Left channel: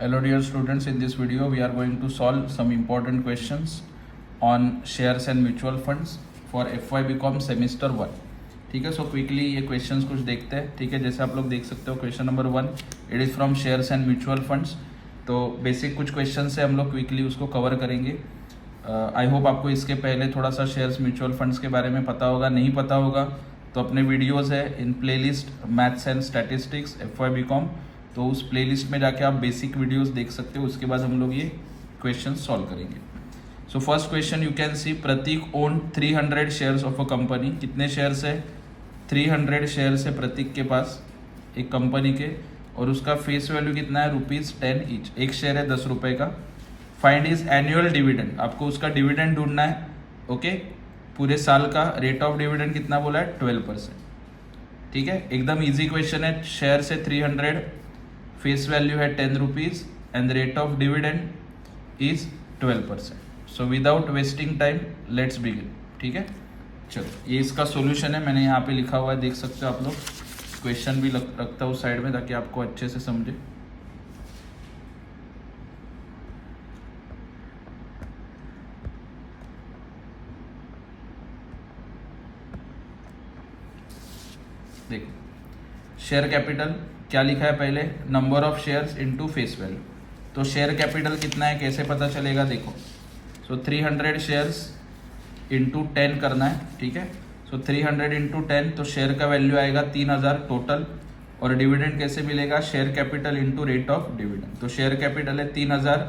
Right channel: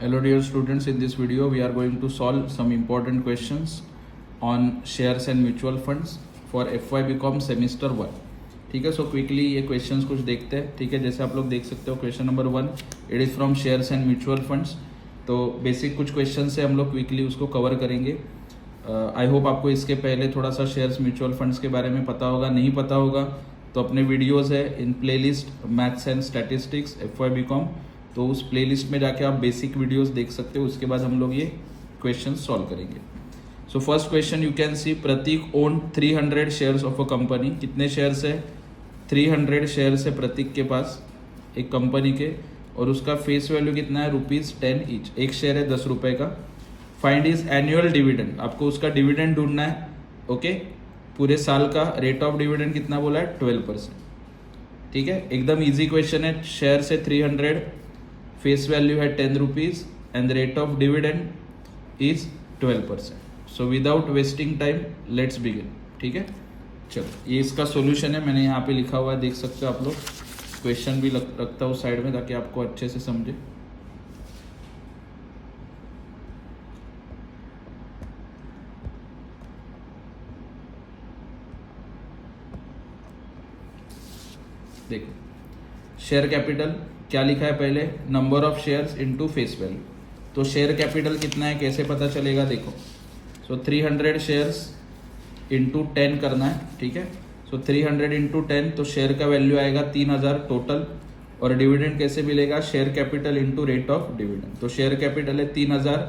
Hello dear students, in this video we are going to solve some important questions on shares and mutual funds for FY BCom semester 1. ठीक है, so quickly ये questions कुछ देखते हैं. ठीक है, जैसे आप लोग देख सकते हो question number 1 it is from shares and mutual funds. तो बेसिक कुछ क्वेश्चन से हम लोग क्विकली उसको कवर करेंगे. आई होप आपको इसके पहले थोड़ा सा शेयर्स म्यूचुअल फंड्स के बारे में पता होगा. नहीं पता होगा तो अपने वीडियोज़ है इन playlist maths and statistics FY BCom, तो उस प्लेलिस्ट में जाके आप बेसिक वीडियोस देख सकते हो. उसके बाद हम लोग ये क्वेश्चन सॉल्व करेंगे. So first question you can see, Prateek own 300 shares of a company. कितने शेयर्स है? 300 शेयर्स है प्रतीक के पास एक कंपनी के, और उसका फेस वैल्यू कितना है? ₹10 ईच. एक शेयर है 10 रुपये का. Find is annual dividend. आपको उसका डिविडेंड ढूंढना है. ओके, पूरे साल का. रेट ऑफ डिविडेंड कितना बोला है? 12%. ठीक है, एकदम इजी क्वेश्चन है. शेयर से 300, फेस वैल्यू है 10 rupees and rate of dividend is 12%. So without wasting time let's begin. ठीक है, चलो ये इसका सॉल्यूशन है. मैंने यहाँ पे लिखा हुआ है, देख सकते हो आप लोग. क्वेश्चन भी रखता हूँ साइड में ताकि आपको अच्छे से समझे. देखो, शेयर कैपिटल क्या लिखा है पहले? Number of shares into face value. तो शेयर कैपिटल कितना है कैसे पता चलेगा? देखो, सो 300 शेयर्स इंटू 10 करना है. ठीक है, सो 300 इंटू 10, तो शेयर का वैल्यू आएगा 3000 टोटल. और डिविडेंड कैसे मिलेगा? Share capital into rate of dividend. तो शेयर कैपिटल है 3000,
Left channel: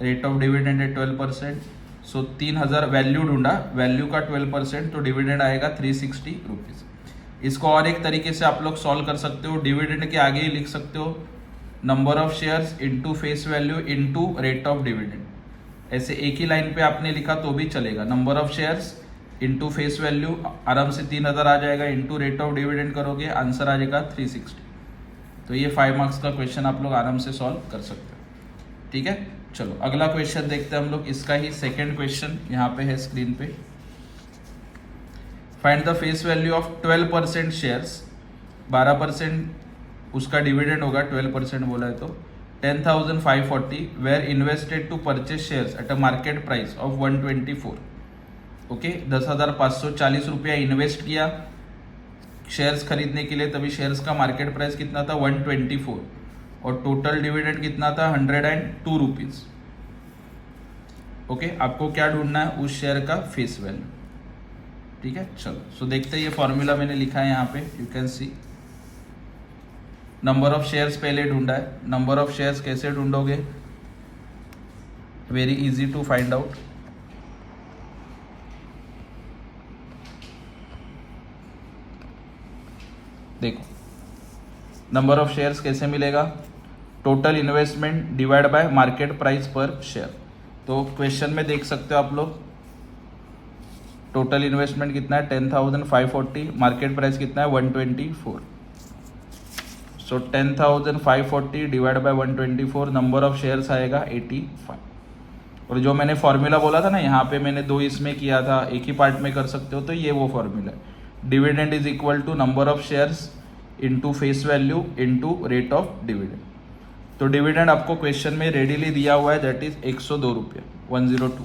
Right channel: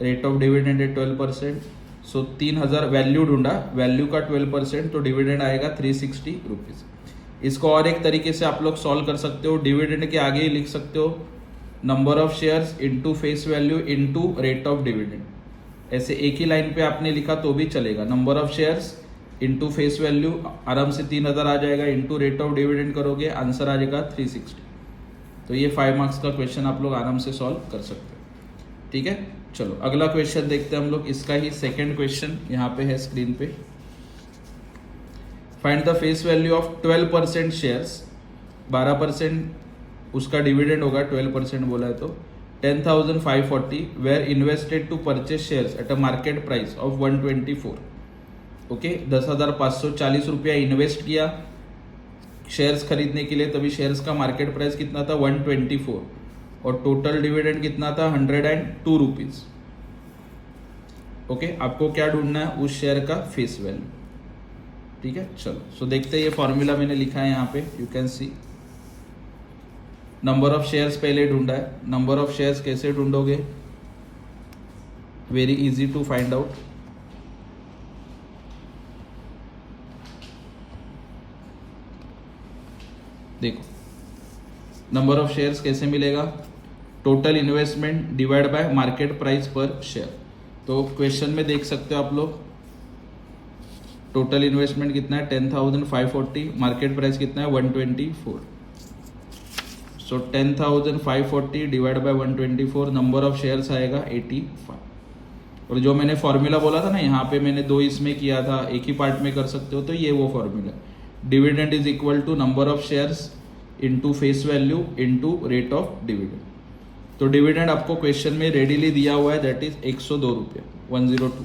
रेट ऑफ डिविडेंड है 12%. सो 3000 वैल्यू ढूंढा, वैल्यू का 12%, तो डिविडेंड आएगा 360 रुपीज़. इसको और एक तरीके से आप लोग सॉल्व कर सकते हो. डिविडेंड के आगे ही लिख सकते हो number of shares into face value into rate of dividend. ऐसे एक ही लाइन पे आपने लिखा तो भी चलेगा. Number of shares into face value आराम से 3000 आ जाएगा, इंटू रेट ऑफ डिविडेंड करोगे आंसर आ जाएगा 360. तो ये 5 मार्क्स का क्वेश्चन आप लोग आराम से सॉल्व कर सकते हो. ठीक है, चलो अगला क्वेश्चन देखते हैं हम लोग. इसका ही सेकेंड क्वेश्चन यहाँ पे है स्क्रीन पे. Find the face value of 12% shares. 12% उसका डिविडेंड होगा, 12% बोला है तो 10,540 were invested to purchase shares at a market price of 124. Okay, 10,540 रुपया इन्वेस्ट किया शेयर्स खरीदने के लिए, तभी शेयर्स का मार्केट प्राइस कितना था? 124. और टोटल डिविडेंड कितना था? 102 रुपीज. ओके, आपको क्या ढूंढना है? उस शेयर का फेस वैल्यू. ठीक है, चलो सो देखते हैं. ये फॉर्मूला मैंने लिखा है यहाँ पे, you can see. Number of shares पहले ढूंढा है. नंबर ऑफ शेयर्स कैसे ढूंढोगे? Very easy to find out. देखो, नंबर ऑफ शेयर्स कैसे मिलेगा? Total investment divide by market price per share. तो क्वेश्चन में देख सकते हो आप लोग, टोटल इन्वेस्टमेंट कितना है? 10,540. मार्केट प्राइस कितना है? 124. सो 10,540 divide by 124, number of shares आएगा 85. और जो मैंने फॉर्मूला बोला था ना, यहाँ पे मैंने 2 इसमें किया था, एक ही पार्ट में कर सकते हो, तो ये वो formula. Dividend is equal to number of shares into face value into rate of dividend. तो डिविडेंड आपको क्वेश्चन में रेडीली दिया हुआ है, दैट इज 102 रुपये, 102.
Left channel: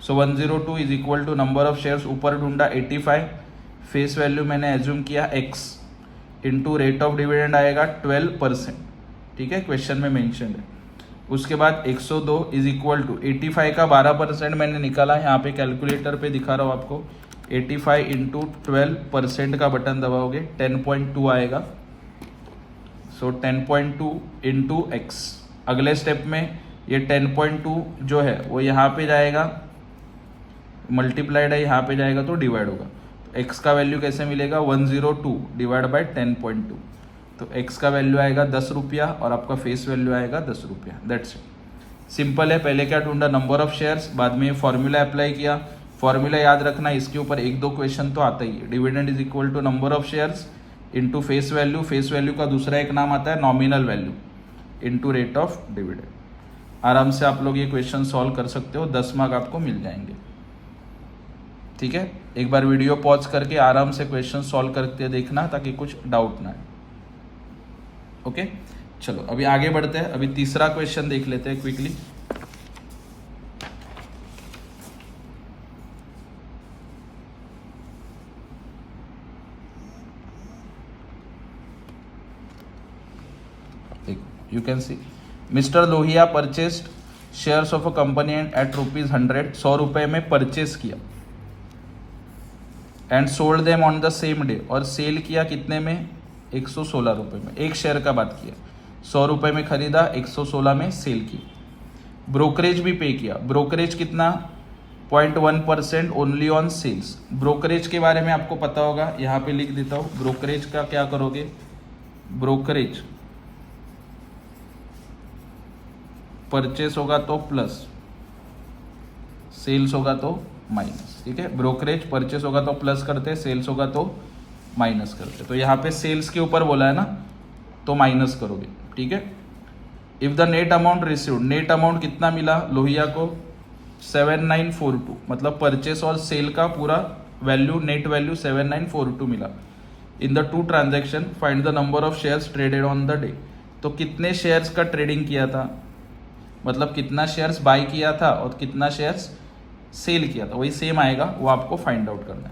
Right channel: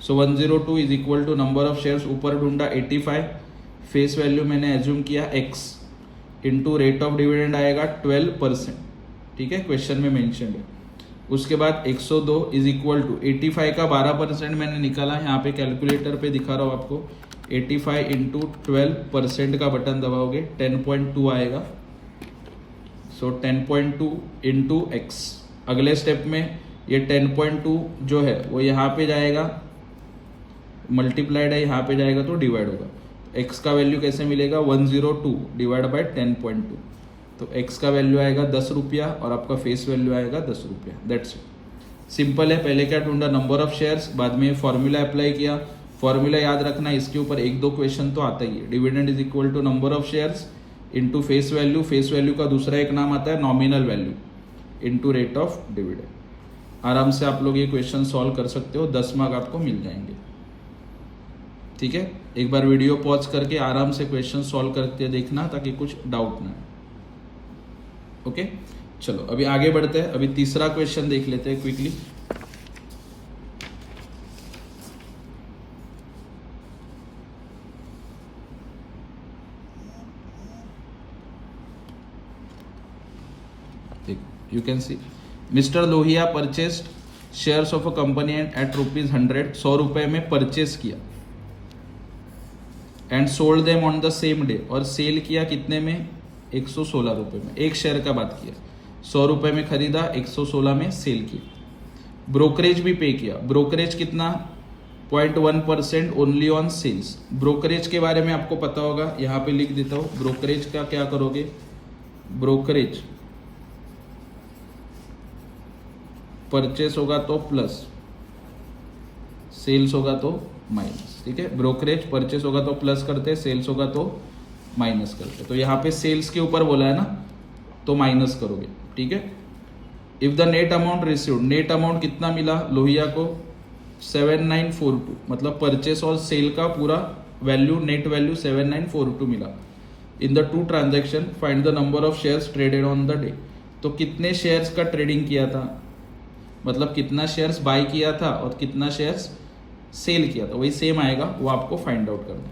So 102 is equal to number of shares ऊपर ढूंढा 85, फेस वैल्यू मैंने एज्यूम किया x, into rate of dividend आएगा 12%. ठीक है, क्वेश्चन में मेंशन है. उसके बाद 102 इज इक्वल टू 85 का 12% मैंने निकाला, यहाँ पे कैलकुलेटर पे दिखा रहा हूँ आपको. 85 इंटू 12% का बटन दबाओगे 10.2 आएगा. सो 10.2 इंटू x. अगले स्टेप में ये 10.2 जो है वो यहाँ पे जाएगा, मल्टीप्लाइड है, यहाँ पे जाएगा तो डिवाइड होगा. x का वैल्यू कैसे मिलेगा? 102 डिवाइड बाय 10.2. तो x का वैल्यू आएगा 10 रुपया और आपका फेस वैल्यू आएगा 10 रुपया. दैट्स इट, सिंपल है. पहले क्या ढूंढा? Number of shares. बाद में ये फॉर्मूला अप्लाई किया. फॉर्मूला याद रखना, इसके ऊपर 1-2 क्वेश्चन तो आता ही है. Dividend is equal to number of shares into face value. Face value का दूसरा एक नाम आता है nominal value, into rate of dividend. आराम से आप लोग ये क्वेश्चन सॉल्व कर सकते हो, 10 मार्क आपको मिल जाएंगे. ठीक है, एक बार वीडियो पॉज करके आराम से क्वेश्चन सॉल्व करके देखना ताकि कुछ डाउट ना है. ओके, चलो अभी आगे बढ़ते हैं, अभी तीसरा क्वेश्चन देख लेते हैं quickly. You can see Mr. Lohia purchased shares of a company at ₹100, 100 रुपए में परचेस किया, and sold them on the same day, और सेल किया कितने में, 116 रुपए में। एक शेयर का बात किया, 100 रुपए में खरीदा, 116 में सेल की। ब्रोकरेज भी पे किया, ब्रोकरेज कितना, 0.1% ओनली ऑन सेल्स। ब्रोकरेज के बारे में आपको पता होगा, यहाँ पे लिख देता हूँ। ब्रोकरेज का क्या करोगे, ब्रोकरेज परचेस होगा तो प्लस, सेल्स होगा तो माइनस। ठीक है, ब्रोकरेज परचेस होगा तो प्लस करते, सेल्स होगा तो माइनस करते। तो यहाँ पे सेल्स के ऊपर बोला है ना, तो माइनस करोगे। ठीक है, if the net amount received, net amount कितना मिला लोहिया को, 7942, मतलब परचेस और सेल का पूरा वैल्यू, नेट वैल्यू 7942 मिला। In the two transaction find the number of shares traded on the day. तो कितने शेयर्स का ट्रेडिंग किया था, मतलब कितना शेयर्स बाय किया था और कितना शेयर्स सेल किया था, वही सेम आएगा, वो आपको फाइंड आउट करना है।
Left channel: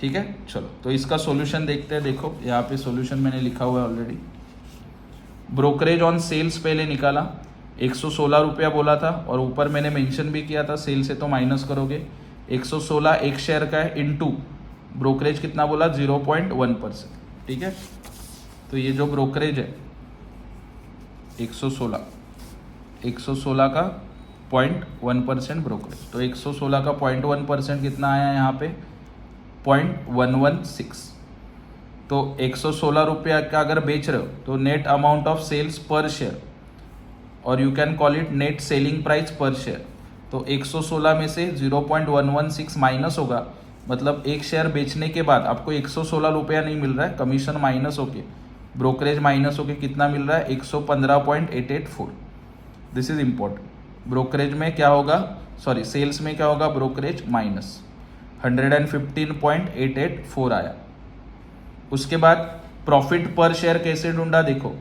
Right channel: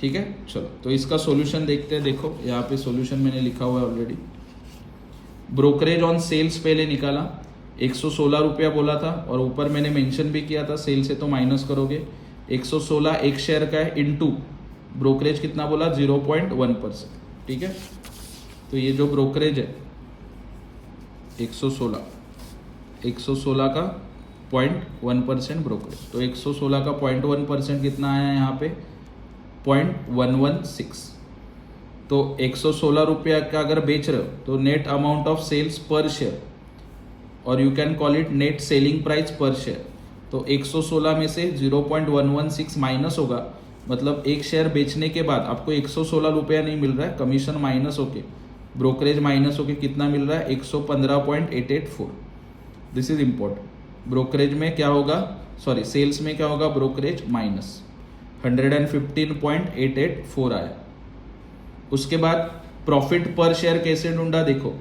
ठीक है, चलो तो इसका सॉल्यूशन देखते हैं। देखो यहाँ पे सॉल्यूशन मैंने लिखा हुआ है ऑलरेडी। ब्रोकरेज ऑन सेल्स पहले निकाला, 116 रुपया बोला था, और ऊपर मैंने मेंशन भी किया था सेल से तो माइनस करोगे। 116 एक शेयर का है, इनटू ब्रोकरेज कितना बोला, 0.1%। ठीक है, तो ये जो ब्रोकरेज है 116 का 0.1% ब्रोकरेज, तो 116 का 0.1% कितना आया यहाँ पे, 0.116। तो 116 रुपया का अगर बेच रहे हो तो नेट अमाउंट ऑफ सेल्स पर शेयर, और you can call it net selling price per share. तो 116 में से 0.116 माइनस होगा, मतलब एक शेयर बेचने के बाद आपको 116 रुपया नहीं मिल रहा है, कमीशन माइनस होके, ब्रोकरेज माइनस होके कितना मिल रहा है, 115.884। This is important. ब्रोकरेज में क्या होगा, सॉरी सेल्स में क्या होगा, ब्रोकरेज माइनस 115.884 आया। उसके बाद प्रॉफिट पर शेयर कैसे ढूंढा, देखो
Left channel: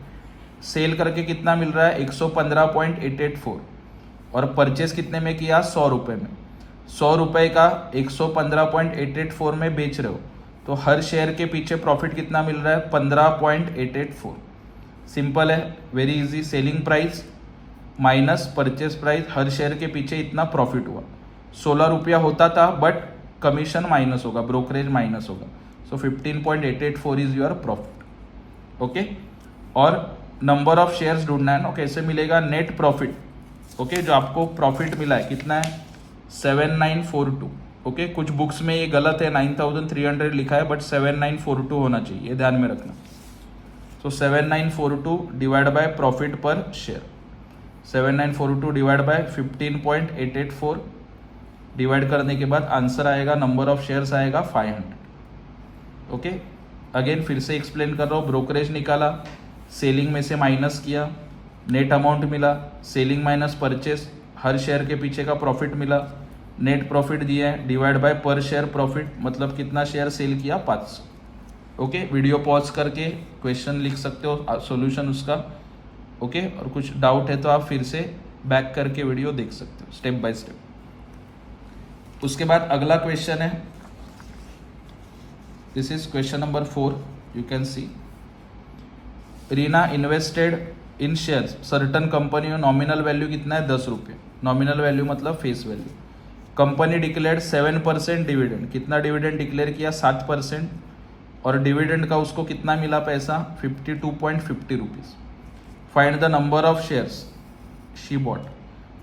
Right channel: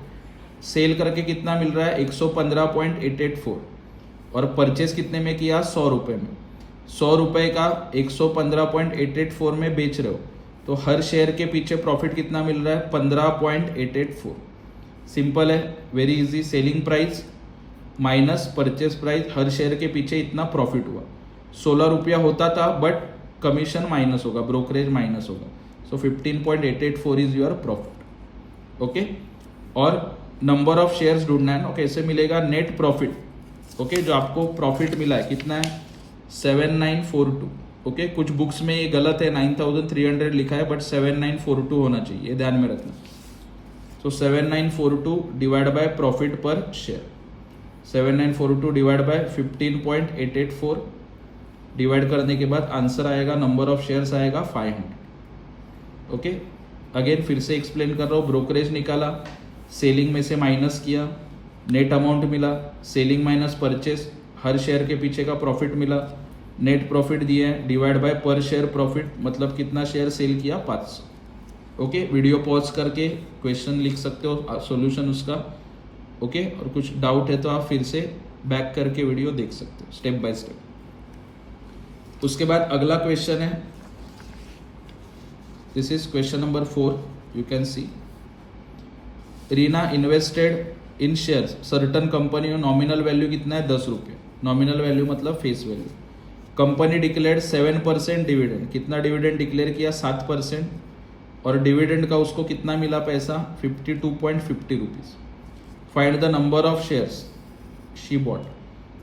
सेल करके कितना मिल रहा है, 115.884, और परचेस कितने में किया, 100 रुपए में। 100 रुपए का 115.884 में बेच रहे हो, तो हर शेयर के पीछे प्रॉफिट कितना मिल रहा है, 15.884। सिंपल है, very easy. Selling price minus purchase price, हर शेयर के पीछे इतना प्रॉफिट हुआ। 16 रुपया होता था, बट कमीशन माइनस होगा, ब्रोकरेज माइनस होगा। So 15.884 is your profit. Okay, और नंबर ऑफ शेयर्स ढूंढना है ना, कैसे मिलेगा, नेट प्रॉफिट। ओके, जो आपको प्रॉफिट मिला है कितना है, 7942। ओके, कुछ बुक्स में ये गलत है, 9300 लिखा है, बट 7942 होना चाहिए, ये ध्यान में रखना। सो 7942 डिवाइड बाय प्रॉफिट पर शेयर, 7942 डिवाइड बाय 15.884, डिवाइड करने के बाद आंसर आएगा, नंबर ऑफ शेयर्स आएगा 500। ओके, अगेन फिर से एक्सप्लेन कर रहा हूँ। ब्रोकरेज निकाला, सेलिंग में से माइनस किया, नेट अमाउंट मिला, सेलिंग माइनस परचेस, हर शेयर के पीछे का प्रॉफिट मिला, नेट प्रॉफिट दिया है, डिवाइड बाय पर शेयर प्रॉफिट, मतलब कितना शेयर सेल किया, 500। ओके, वीडियो पॉज करके क्वेश्चन लिख सकते हो, सॉल्यूशन उसका। ओके, और कुछ डाउट है तो आप फिर से बैक करके वीडियो देख सकते हो स्टेप बाय स्टेप। उसके बाद अगला क्वेश्चन है, this is question number 4। You can C, Reena invested in shares certain company में, नॉमिनल वैल्यू कितना है, 10 रुपये। नॉमिनल वैल्यू मतलब face value. Company declared 7% dividend, कितना डिविडेंड डिक्लेयर किया, 7%, और डिविडेंड का उसको कितना मिला पैसा, 52.50 rupees. Find the number of shares she bought,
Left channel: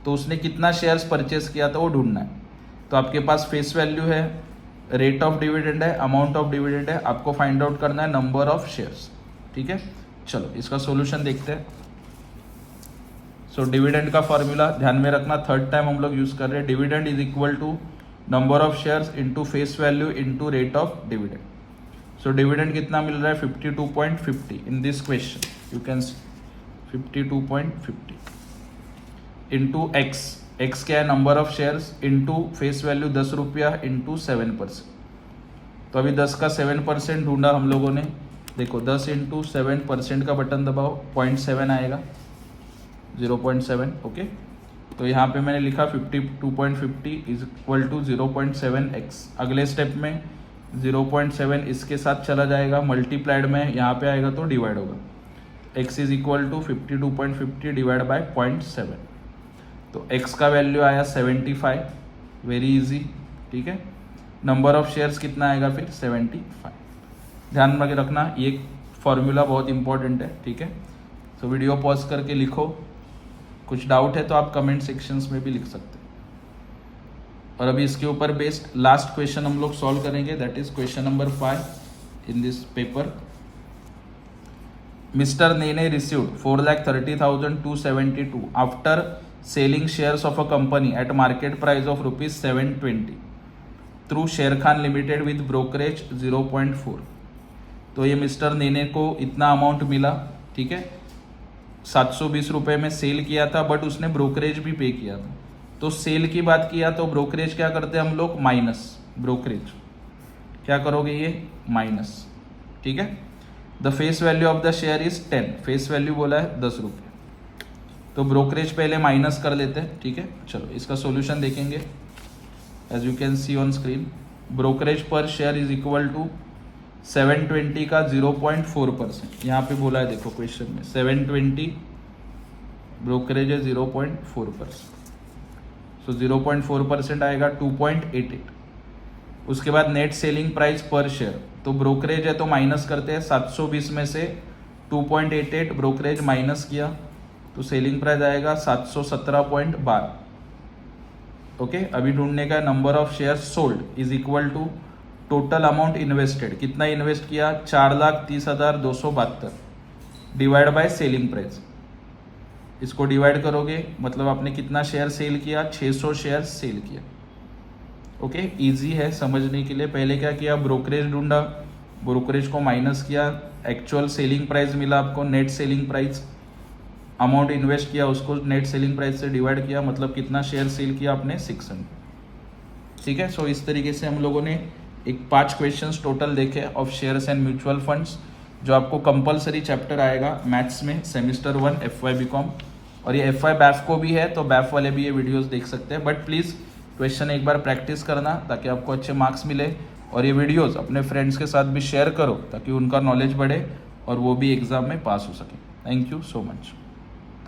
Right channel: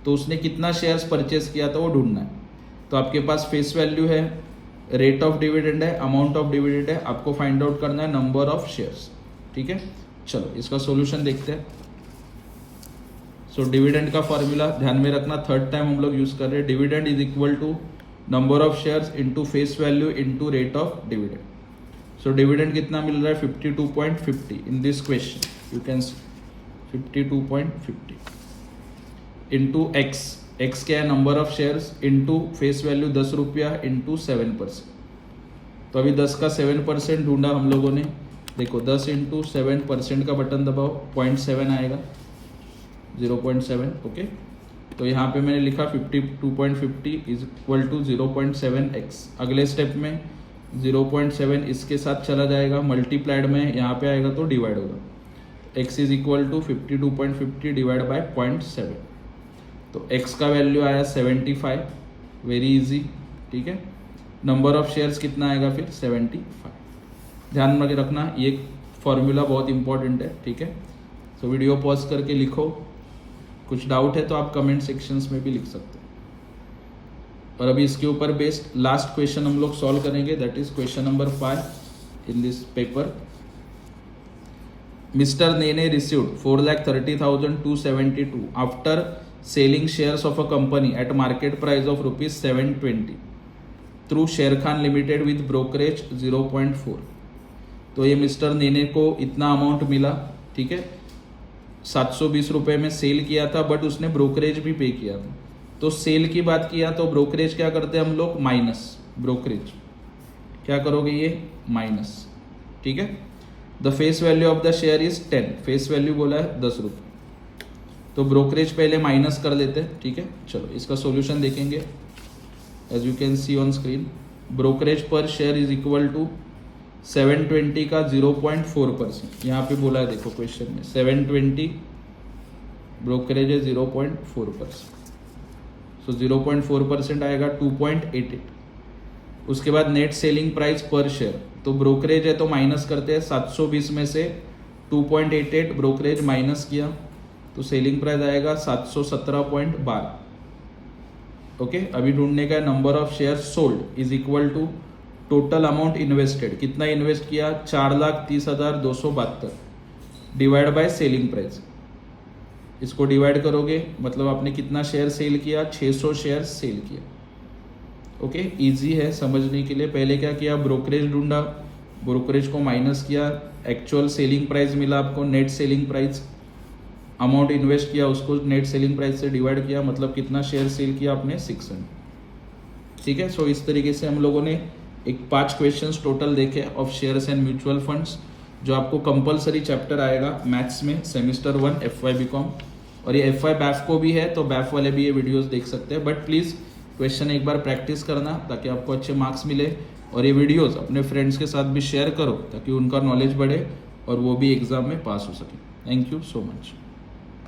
तो उसने कितना शेयर्स परचेस किया था वो ढूंढना है। तो आपके पास फेस वैल्यू है, रेट ऑफ डिविडेंड है, अमाउंट ऑफ डिविडेंड है, आपको फाइंड आउट करना है नंबर ऑफ शेयर्स। ठीक है, चलो इसका सॉल्यूशन देखते हैं। सो डिविडेंड का फॉर्मूला ध्यान में रखना, थर्ड टाइम हम लोग यूज कर रहे हैं। Dividend is equal to number of shares into face value into rate of dividend. So dividend कितना मिल रहा है, 52.50 in this question, you can see 52.50 into x, x क्या है, number of shares, into face value 10 रुपया, into 7%। तो अभी 10 का 7% ढूंढा हम लोगों ने, देखो 10 इंटू 7% का बटन दबाओ 0.7 आएगा 0.7 ओके। तो यहाँ पे मैंने लिखा 52.50 इज इक्वल टू 0.7x। अगले स्टेप में 0.7 इसके साथ चला जाएगा, मल्टीप्लाइड में यहाँ पे आएगा तो डिवाइड होगा। x is equal to 52.50 divide by 0.7। तो x का वैल्यू आया 75, वेरी इजी, ठीक है। नंबर ऑफ शेयर्स कितना आएगा फिर 75। ध्यान में रखना ये फॉर्मूला बहुत इंपॉर्टेंट है, ठीक है। तो वीडियो पॉज करके लिखो, कुछ डाउट है तो आप कमेंट सेक्शंस में भी लिख सकते हैं। और अभी इसके ऊपर बेस्ड लास्ट क्वेश्चन हम लोग सॉल्व करेंगे, that is question number 5 in this paper. Mister Nene received 4,30,272 after selling shares of a company at market price of ₹720 through शेर खान लिमिटेड विद ब्रोकरेज 0.4। तो ये मिस्टर नेने को इतना अमाउंट मिला, ठीक है, 720 रुपए में सेल किया था, बट उसने ब्रोकरेज भी पे किया था। तो सेल की बात किया तो ब्रोकरेज क्या करते हैं हम लोग, माइनस ब्रोकरेज क्या करोगे, ये माइनस, ठीक है। The face value of the share is 10, face value बोला है 10 रुपए, तो ब्रोकरेज पहले माइनस कर लेते हैं, ठीक है। चलो इसका सॉल्यूशन देखेंगे। As you can see on screen, brokerage पर शेयर इज इक्वल टू 720 का 0.4%, यहाँ पे बोला है देखो क्वेश्चन में 720 ब्रोकरेज है 0.4%, तो 0.4% आएगा 2.88। उसके बाद net selling price per share, तो ब्रोकरेज है तो माइनस करते हैं, 720 में से 2.88 ब्रोकरेज माइनस किया तो सेलिंग प्राइस आएगा 717.12। ओके, अभी ढूंढने का number of share sold is equal to total amount invested, कितना इन्वेस्ट किया 4,30,272 डिवाइड बाय सेलिंग प्राइस। इसको डिवाइड करोगे मतलब आपने कितना शेयर सेल किया, 600 शेयर सेल किया। ओके, इजी है समझने के लिए। पहले क्या किया, ब्रोकरेज ढूंढा, ब्रोकरेज को माइनस किया, एक्चुअल सेलिंग प्राइस मिला आपको, net selling price, amount invest किया उसको नेट सेलिंग प्राइस से डिवाइड किया, मतलब कितना शेयर सेल किया आपने 600, ठीक है। सो इस तरीके से हम लोगों ने एक 5 क्वेश्चंस टोटल देखे of shares and mutual funds, जो आपको कंपलसरी चैप्टर आएगा मैथ्स में सेमेस्टर 1 FY BCom। और ये FY बैफ को भी है, तो बैफ वाले भी ये वीडियोस देख सकते हैं, बट प्लीज क्वेश्चन एक बार प्रैक्टिस करना ताकि आपको अच्छे मार्क्स मिले। और ये वीडियोस अपने फ्रेंड्स के साथ भी शेयर करो ताकि उनका नॉलेज बढ़े और वो भी एग्जाम में पास हो सके। Thank you so much.